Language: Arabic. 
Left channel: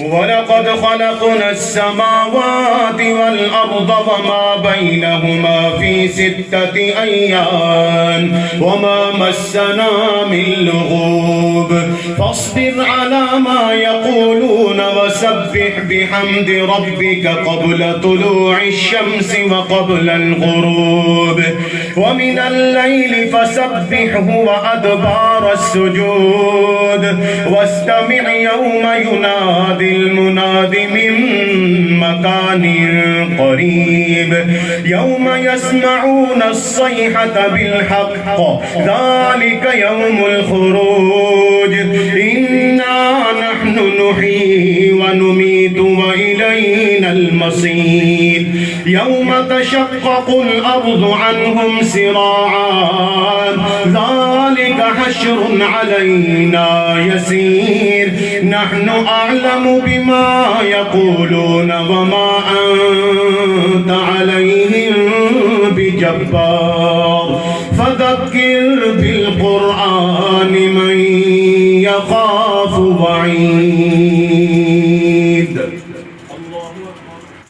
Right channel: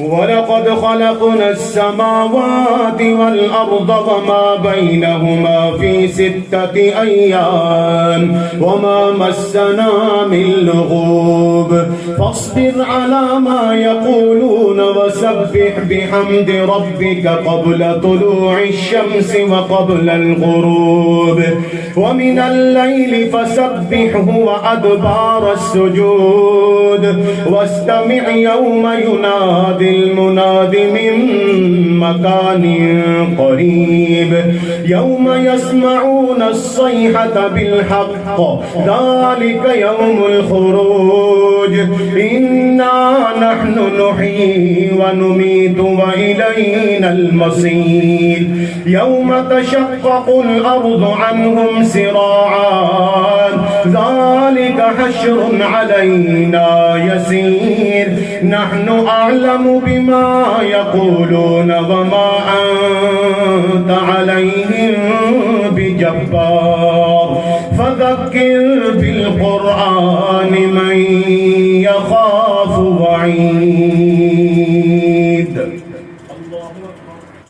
ولقد خلقنا السماوات والأرض وما بينهما في 6 أيام وما مسنا من لغوب فاصبر على ما يقولون وسبح بحمد ربك قبل طلوع الشمس وقبل الغروب ومن الليل فسبحه وأدبار السجود واستمع يوم ينادي المناد من مكان قريب يوم يسمعون الصيحة بالحق ذلك يوم الخروج إنا نحن نحيي ونميت وإلينا المصير يوم تشقق الأرض عنهم سراعا ذلك حشر علينا يسير نحن أعلم بما يقولون وما أنت عليهم بجبار فذكر بالقرآن من يخاف وعيد.